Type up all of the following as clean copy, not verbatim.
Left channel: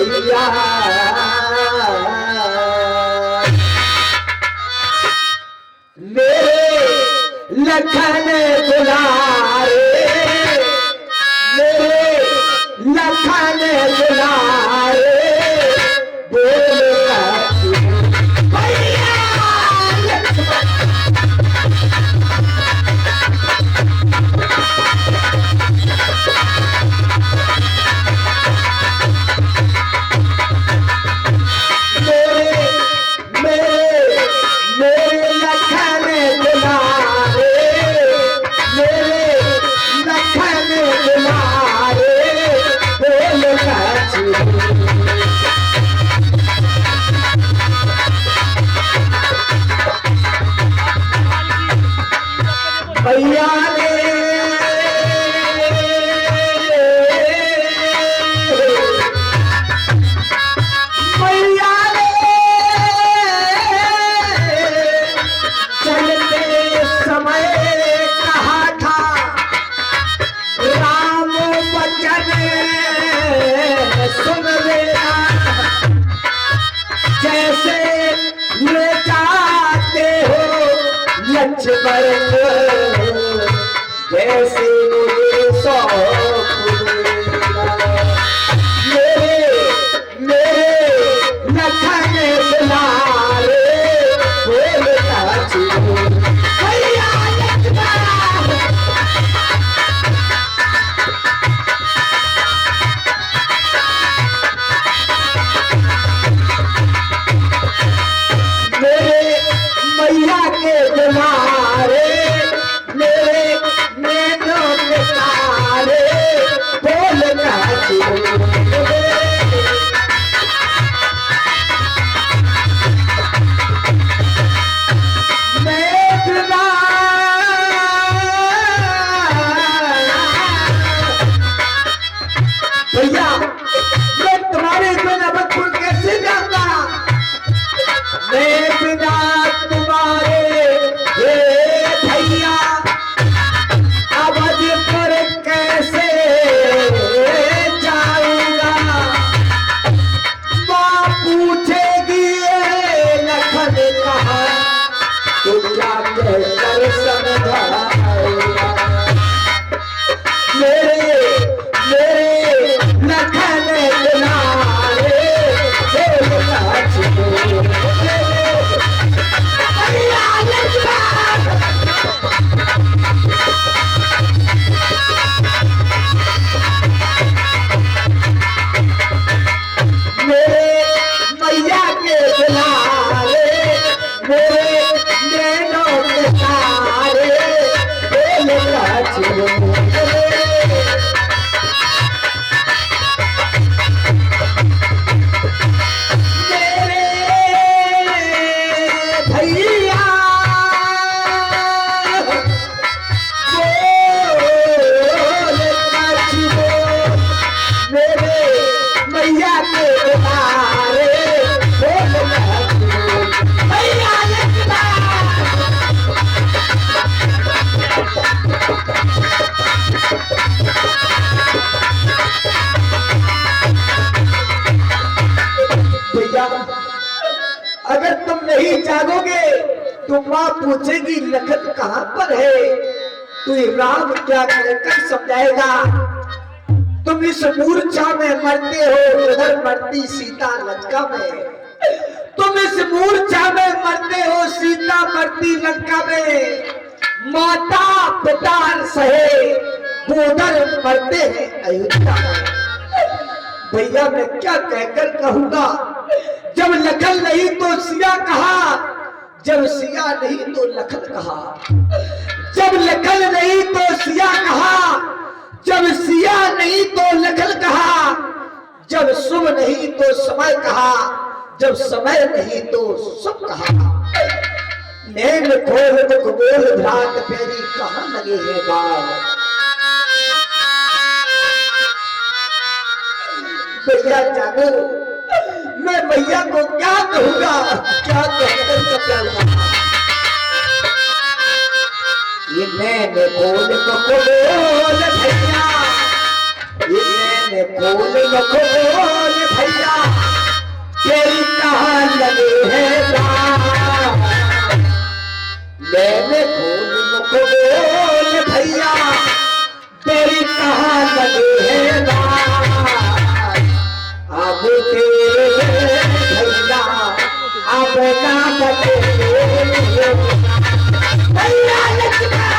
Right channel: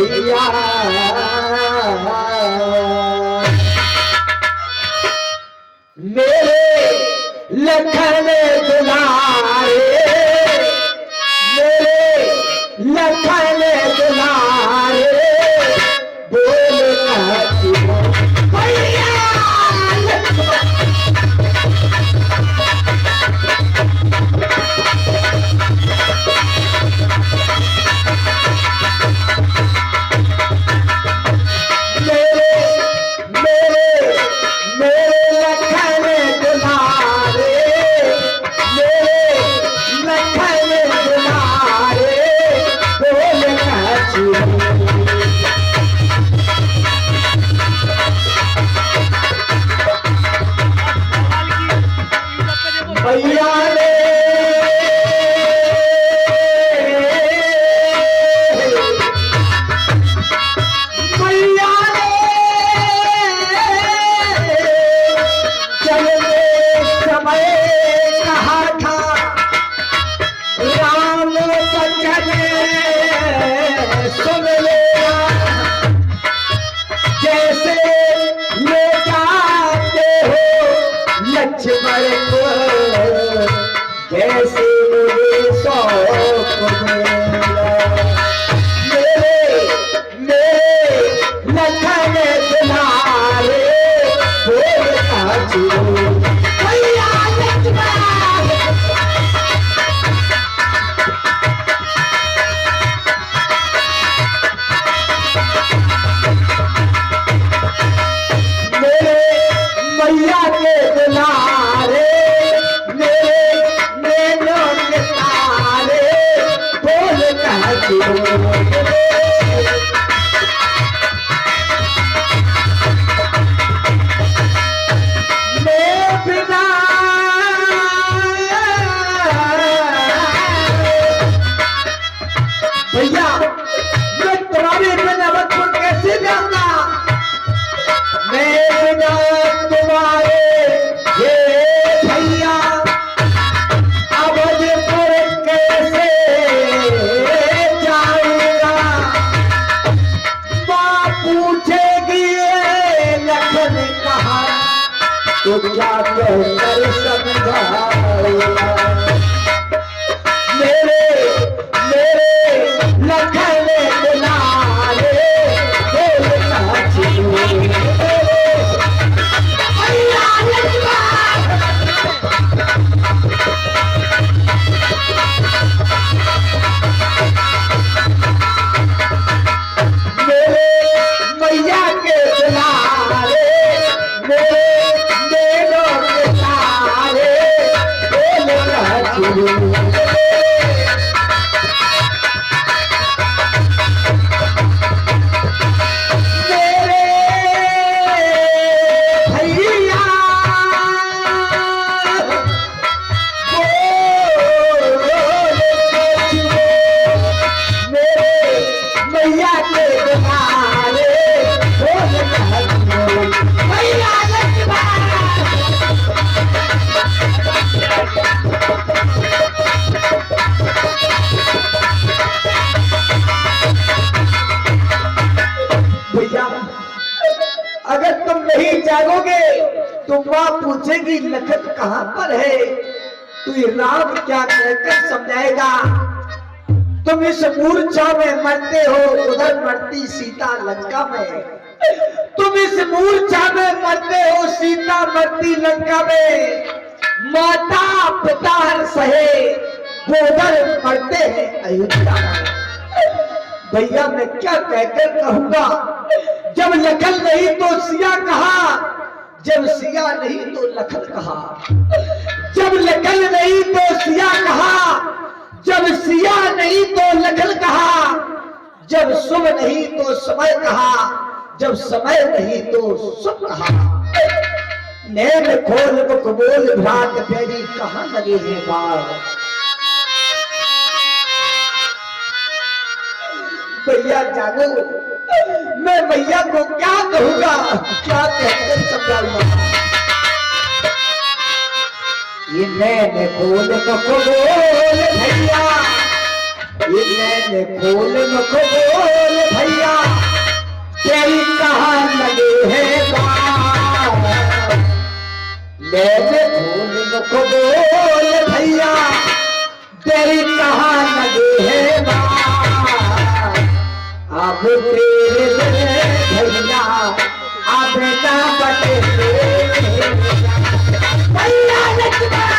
भैया मेरे लखन दुलारे, मेरे लखन दुलारे बोल भैया भैया ने भैया ने चलते समय कहा था राम बचन सुन लेना, जैसे ले जाते हो लक्ष्मण को जैसे मुझे सौंप देना। मेरे लखन दुलारे बोल भैया लक्ष्मण मेरे मैया के दुलारे, मेरे नैनों के तारे बोल मेघना भैया मैं तुम्हारे बिना अवधपुर कैसे जाता, मैं बिना तुम्हारे ये भैया अवधपुर कैसे जाऊंगा। माँ पूछेगी लखन कहा तो क्या कहकर समझाऊंगा। मेरे लखन दुलारे मैया के दुलारे, मेरे नैनों के तारे बोल अगर तुम नहीं जागोगे तो माँ पूछेगी लखन कहाँ पर है, तो राम क्या कहकर समझाएगा। तुम इस मूर्छा में मरते हो, उधर मरती सीता लंका में। तुम इस मूर्छा में मरते हो, सीता मरती लंका में। माता पिता सहे वो उधर मरते हैं अयोध्या में। भैया मैं क्या कहकर कहूंगा, जब लखन नहीं तो सिया कहा, जब सिया नहीं तो लखन कहा, जब लखन नहीं तो सिया कहा, जब सिया नहीं तो लखन कहा, जब शुभ नहीं तो समय कहा, जब समय नहीं तो शुभ कहा। नैन खोल मुख बोल भ्रात फेरी कहाँ लगे हैं बाल। भैया जानो मैं भैया को क्या कहूंगा, क्या कहकर समझाऊंगा। ये मैंने खोल मुख बोल भैया, ये मैंने खोल मुख बोल भैया, अब तेरे भैया अब ना बचे भैया लक्ष्मण।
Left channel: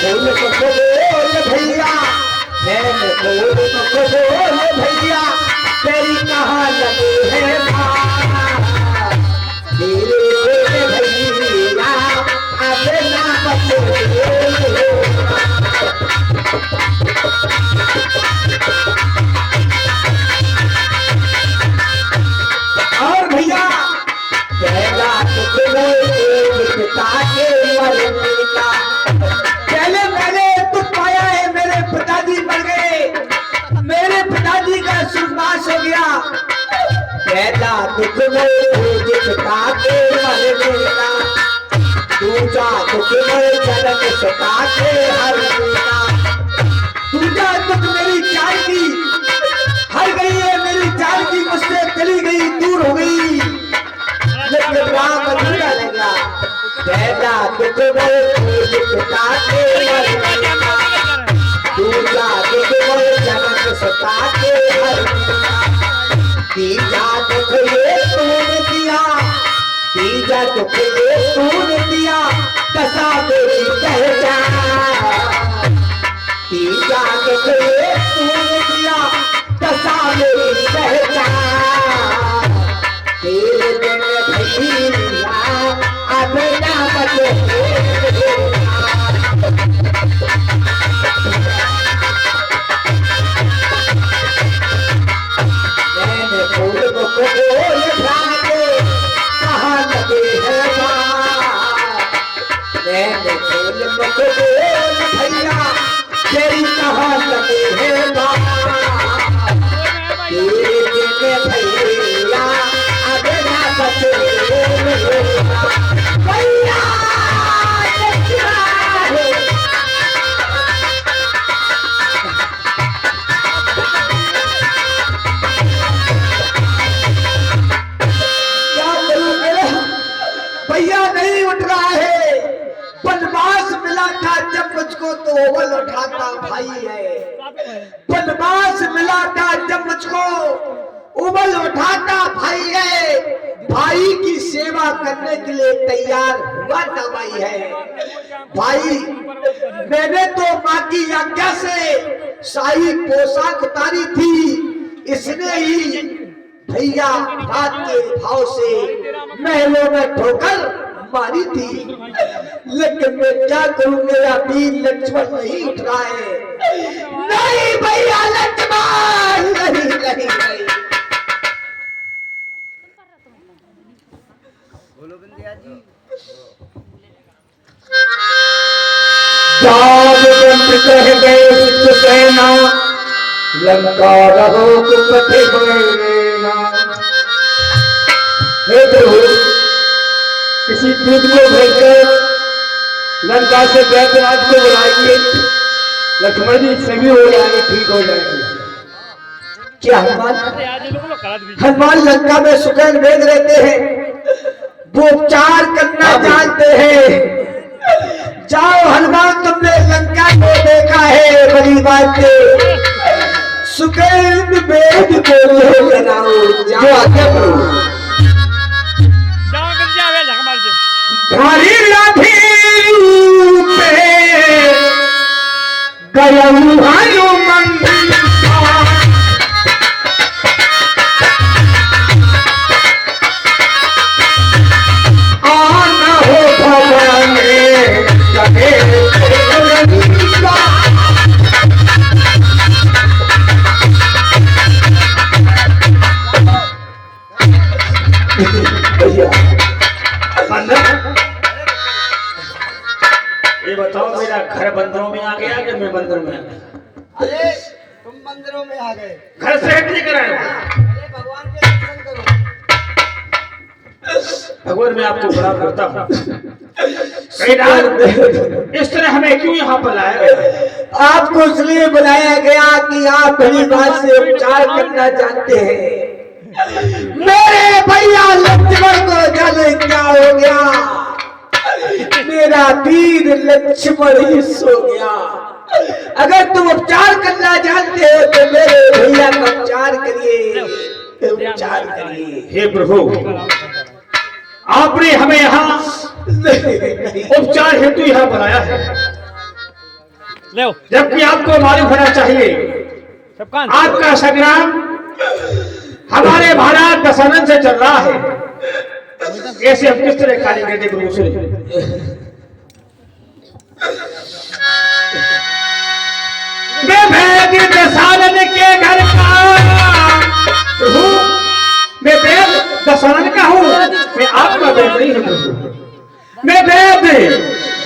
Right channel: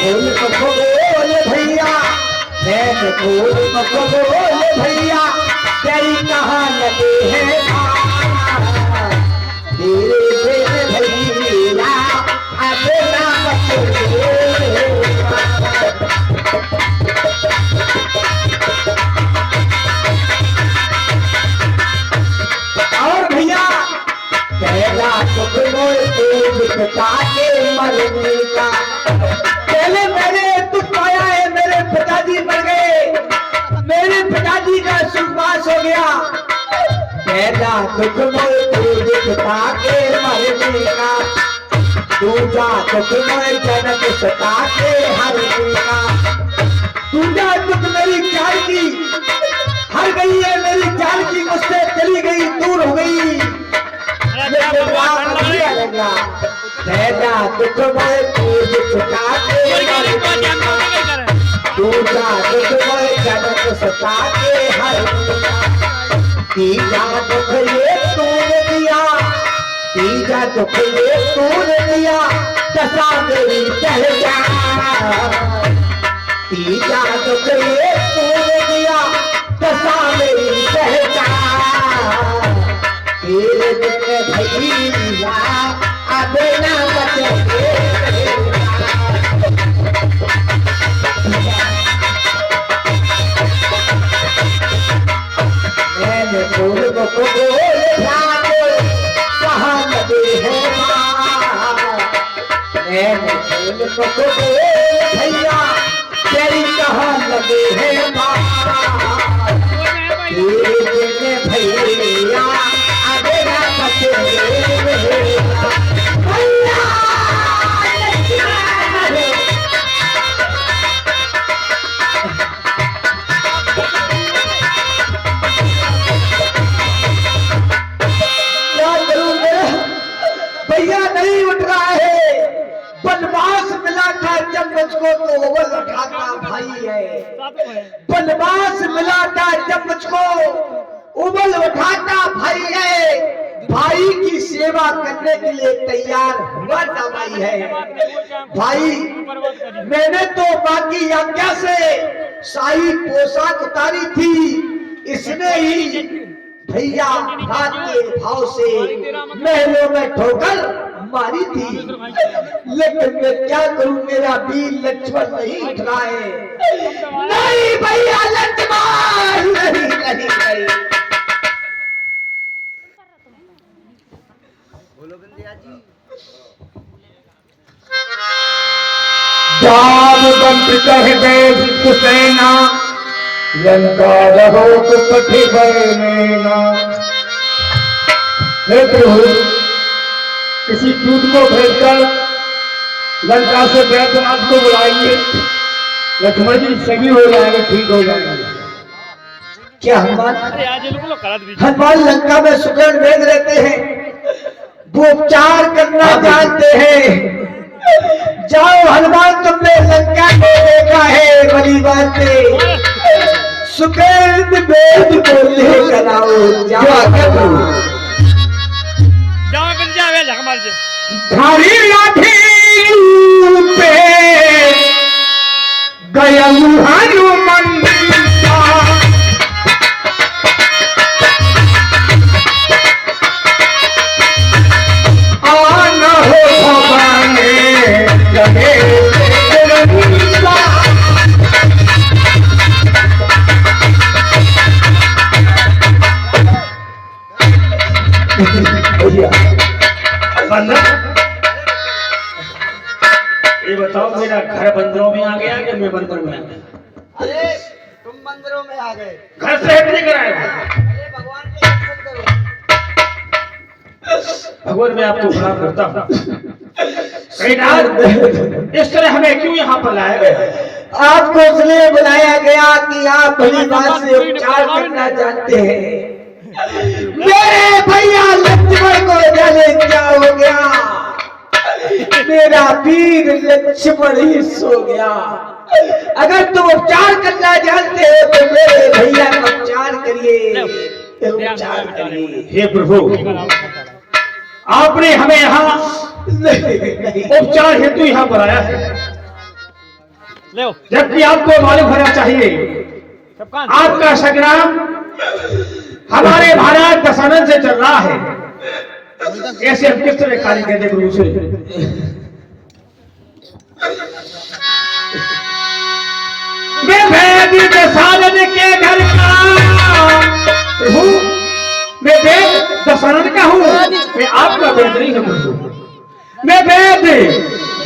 फूल को बोल भैया, फूल को बोल भैया, तेरी कहाँ लगे हैं धीरे धीरे भैया अब ना बचे। और भैया पहला टुकड़े पिता के मरने का, पहले मैंने दुख पाया है, मेरे पिताजी मर गए, मेरे पिताजी का सुखवास हो गया। पहला दुख पिता के मरने का, दूजा दुख जनक सता के हरने का, दूजा दुख मेरी चाल की हर गई है, मेरी चाल की मुझसे चली गई, दूर हो गई, लेकिन राम अच्छा लगा। पहला दुख पिता के मरने का, दूजा दुख जनक सता के हरने का, तीजा दुख ये तूने दिया, तीजा दुख ये तूने दिया, दशा मेरी पहचान, तीजा दुख ये तूने दिया, दशा मेरी पहचान, तेरे दिन भैया अब ना बचे। फूल को बोल भागे कहाँ लगे हैं मैंने फूल को बोल भैया तेरी कहाँ लगे हैं तेरे भैया अब ना बचे भैया। भैया नहीं उठ रहा है, बनवास मिला था जब मुझको तो ओवल उठाता भाई है, बनवास मिला था जब मुझको ओवल उठाता भाई है, भाई की सेवा करने के लिए तैयार हुआ था भाई है। भाई मैंने तो माँ की आज्ञा से शाही पोशाक उतारी थी, इसने ही भैया रात के भाव से महलों में ठोकर मारी थी, लेकिन मैं क्या करूं, मेरा वीर लक्ष्मण नहीं उठ रहा है। नहीं भैया लक्ष्मण नहीं नहीं नहीं। बोलो बंदिया जी। जामवंत कह गए विश्वसेना, लंका रहो कुपठे बरनेना। हे प्रभु, किसी दूत को भेजकर लंका से बैद्यनाथ को बुलाएंगे, लक्ष्मण जी सभी हो जाएंगे, ठीक हो जाएंगे। क्या हनुमान लंका में सुगंध भेज रहते हैं, वो उपचार करना जानते हैं। जाओ हनुमान, तुमने लंका को देखा है, बड़ी बात है, सुगंध भेद को लेकर आओ, जाओ भारी लाठी पे गया हनुमान, आना हो घबराने लगे ये बताओ, मेरा घर बंदरों में आ गया कि मैं बंदर में आ गया? अरे तुम मंदिरों में आ गए, घर से हट नहीं कराए। अरे भगवान के दर्शन करो। भगवान मैं आपको प्रणाम करता हूँ। इस तरह हमें क्यों यहाँ पर लाया गया? आपको इसलिए बुलाया गया कि आप बड़ी बात से उपचार करना जानते हैं। मेरे भैया लक्ष्मण को जाने क्या हो गया, मेरा वीर लक्ष्मण ही सो गया। अगर तुम उपचार करना जानते हो तो मेरे भैया का उपचार करिए, उपचार करिए। हे प्रभु, आपने हमें यहाँ उपचार हेतु यहाँ बनाया है, जबकि आपको मालूम होना चाहिए आपका संग्राम हमारे भारत दशानन से चल रहा है। ऐसे हम किस तरह कार्य करते प्रभु से? मैं भेद दशानन के घर का हूँ, मैं वेद दशानन का हूँ, मैं आपका वेद नहीं हूँ प्रभु। मैं वेद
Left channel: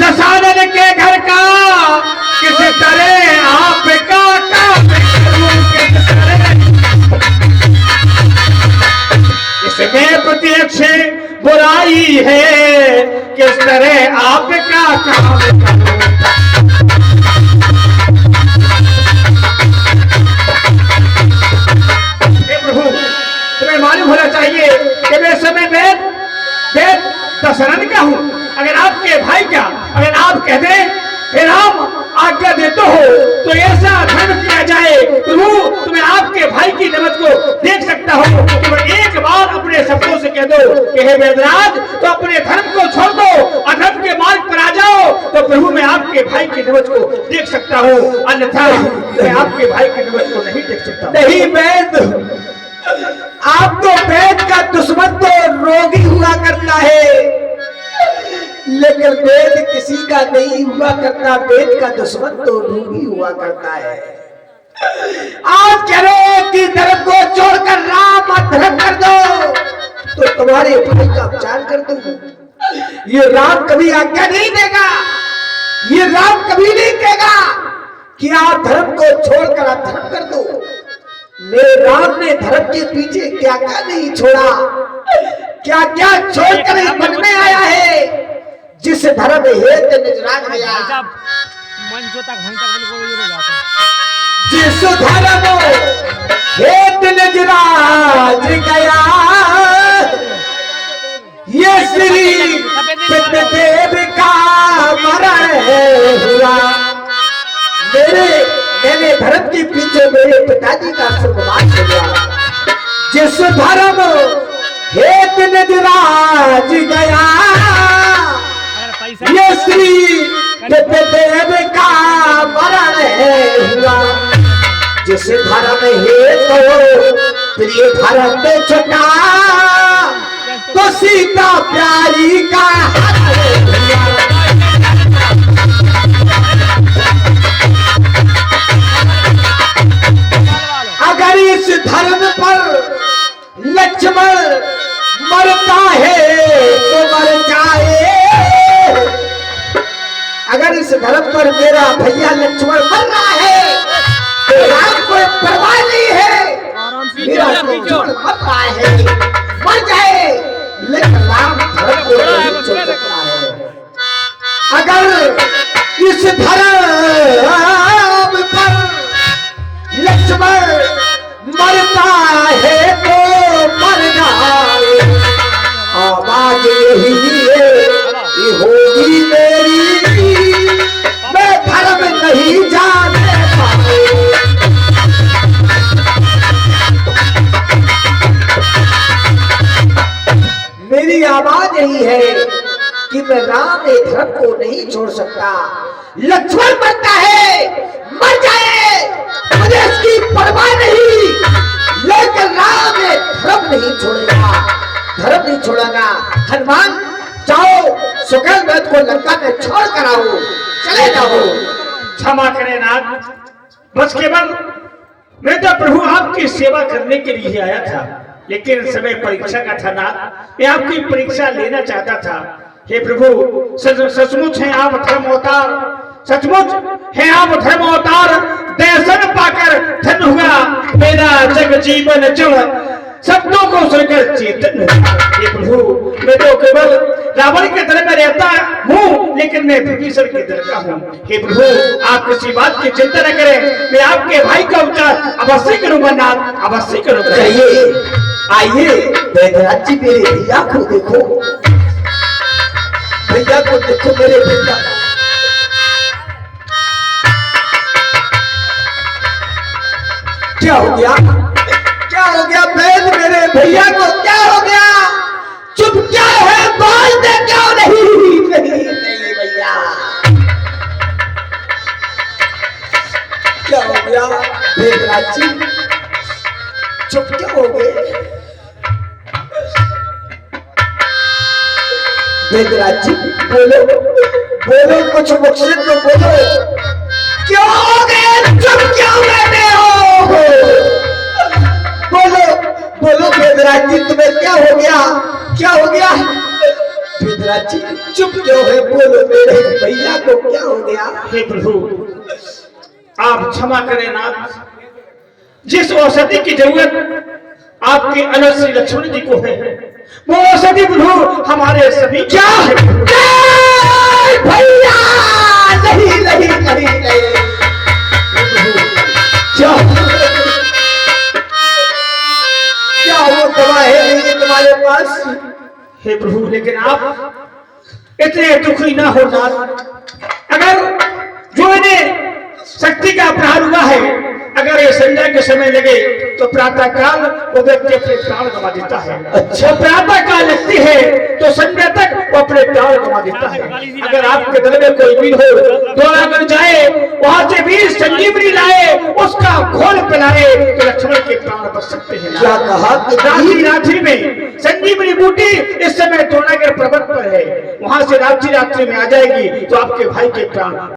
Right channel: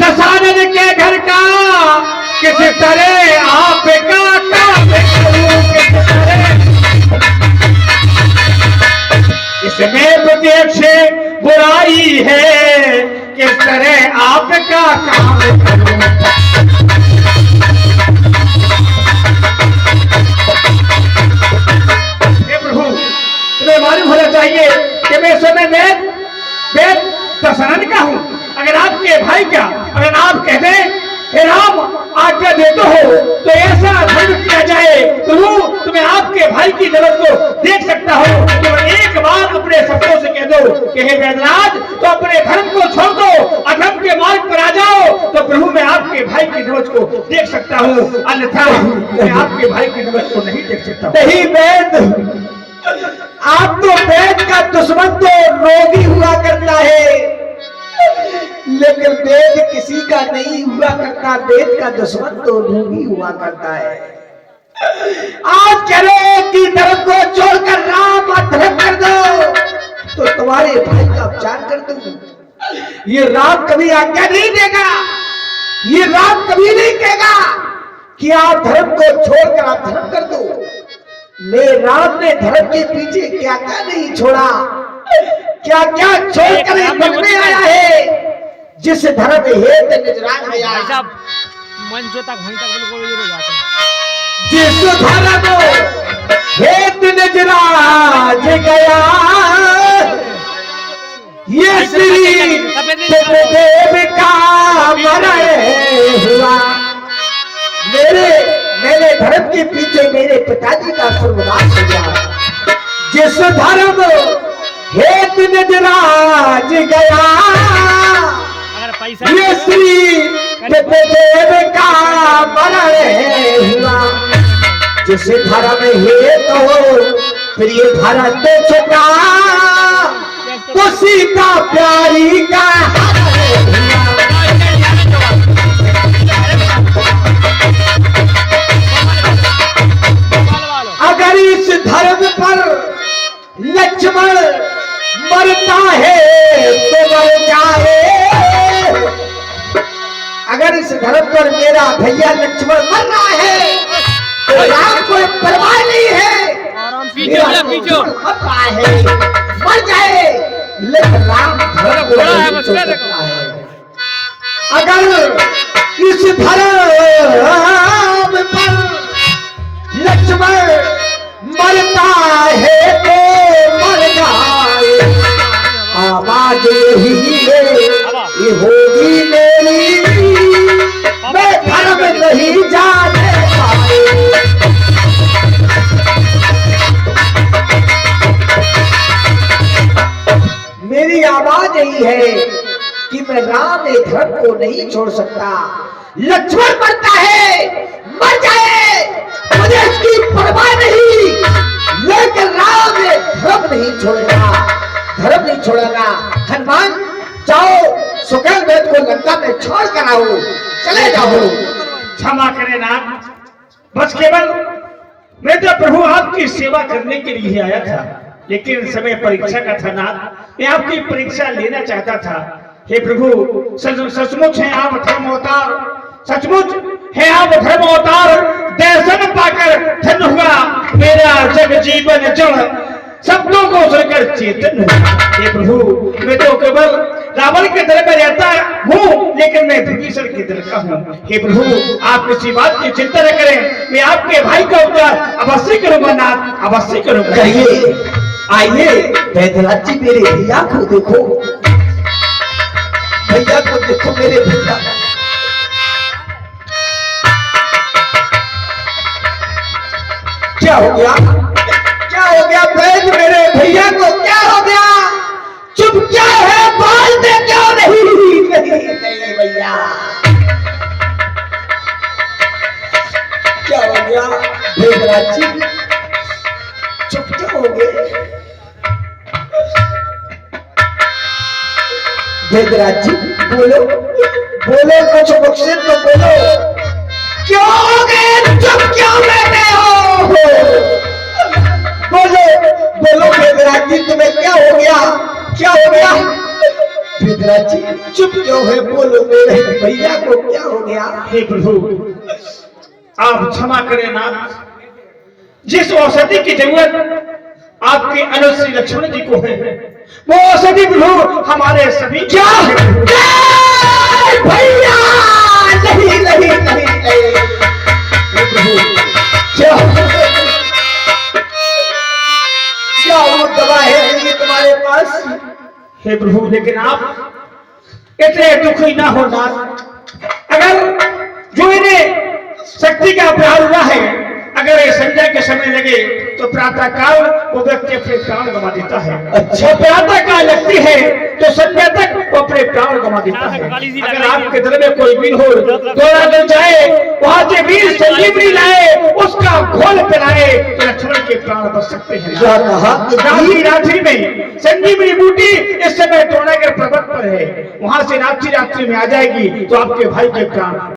दशानन के घर का किस तरह आपका काम करूं, किस तरह इसमें प्रत्यक्ष बुराई है, किस तरह आपका काम करूं। तुम्हें मालूम होना चाहिए कि मैं समय वेद दशानन का हूँ। अगर आपके भाई का अगर आप कहते हे राम आज्ञा देते हो तो ऐसा धर्म किया जाए तो तुम्हें आपके भाई की नमत को देख सकता हो। तो एक बार अपने सबको से कह दो कि हे वेदराज, तो अपने धर्म को छोड़ दो, अधर्म के मार्ग पर आ जाओ, तो प्रभु मैं आपके भाई की नमत को देख सकता हूँ, अन्यथा मैं आपके भाई की नमत को नहीं देख सकता। नहीं वेद, आप तो वेद का दुश्मन तो रोगी हुआ करता है, लेकिन वेद किसी का नहीं हुआ करता, वेद का दुश्मन तो रोगी हुआ करता है। आज कह रहे कि धर्म को छोड़कर राम और धर्म कर दो तो तुम्हारे भाई का उपचार कर दूं। ये राम कभी आज्ञा नहीं देगा, ये राम कभी नहीं कहेगा कि आप धर्म को छोड़कर आप धर्म कर दो। मेरे राम ने धर्म के पीछे क्या क्या नहीं छोड़ा, क्या क्या छोड़कर मन में आया है। जिस धर्म हेत निजराज गया, जिस धर्म हेत निजराज गया, ये श्री सत्यदेव का मरण हुआ। मेरे धर्म के पीछे मेरे पिताजी का स्वर्गवास हो गया। जिस धर्म हेत निजराज गया, ये श्री सत्यदेव का मरण हुआ। जिस धर्म हेत प्रिय भरत छुटा, तो सीता प्यारी का हरण हुआ। अगर इस धर्म पर लक्ष्मण मरता है तो मर जाए, अगर इस धर्म पर मेरा भैया लक्ष्मण मर रहा है तो राम को परवाह नहीं है। मेरा लक्ष्मण मर रहा है, मर जाए, लेकिन राम धर्म को नहीं छोड़ सकता है। अगर इस धर्म पर लक्ष्मण मरता है तो मर जाए, आवाज यही है ये होगी मेरी, मैं धर्म नहीं जाने पाए। मेरी आवाज यही है कि मैं राम के धर्म को नहीं छोड़ सकता। लक्ष्मण मरता है, मर जाए, मुझे इसकी परवाह नहीं, लेकिन राम ने धर्म नहीं छोड़ेगा, धर्म नहीं छोड़ेगा। हनुमान जाओ सुकेल वैद को लंका में छोड़ कर आओ, चले जाओ। क्षमा करें नाथ, बस केवल मैं तो प्रभु आपकी सेवा करने के लिए आया था, लेकिन समय परीक्षा का था नाथ, मैं आपकी परीक्षा लेना चाहता था। हे प्रभु, सचमुच है आप धर्म अवतार, सचमुच है आप धर्म अवतार। दर्शन पाकर धन्य हुआ मेरा जग जीवन जब शब्दों को सुनकर चेतन हुआ। हे प्रभु, मैं तो केवल रावण के दर में रहता हूँ, लेकिन मैं विभीषण के दर का हूँ। हे प्रभु, आप किसी बात की चिंता न करें, मैं आपके भाई का उपचार अवश्य करूंगा नाथ, अवश्य करूंगा। आइए वैद्यराज जी, मेरे भैया को देखो। भैया को देखो, मेरे भैया। क्या हो गया? क्या हो गया बैल मेरे भैया को? क्या हो गया? चुप क्या है? बोलते क्यों नहीं? नहीं भैया, क्या हो गया भेदराज जी? चुप क्या हो गए भेदराज जी? बोलो बोलो, कुछ मकसद तो बोलो। क्यों हो गए? चुप क्यों बैठे हो? बोलो बोलो भेदराज जी, तुम्हें क्या हो गया? क्या हो गया भेदराज जी? चुप क्यों है? बोलो मेरे भैया को क्या हो गया? हे प्रभु, आप क्षमा करें नाथ। जिस औषधि की जरूरत आपके अनंत श्री लक्ष्मण जी को है, वो औषधि प्रभु हमारे सभी क्या भैया? नहीं नहीं नहीं नहीं प्रभु, क्या क्या वो दवा है नहीं तुम्हारे पास? हे प्रभु, लेकिन आप इतने दुखी ना हो नाथ। अगर जो इन्हें शक्ति का प्रहार हुआ है, अगर ये संध्या के समय लगे तो प्रातः काल वो व्यक्ति अपने प्राण गंवा देता है। अच्छा, प्रातः काल लगती है तो संध्या तक वो अपने प्राण गंवा देता है। अगर आपके दल में कोई वीर हो, दौड़ाकर जाए, वहां से वीर संजीवनी लाए, उसका घोल पिलाए, तो लक्ष्मण के प्राण बच सकते हैं। क्या कहा? रात्रि में संजीवनी बूटी इस समय द्रोणागिरि पर्वत पर है, वहां से रात्रि में आ जाएगी तो आपके भाई के प्राण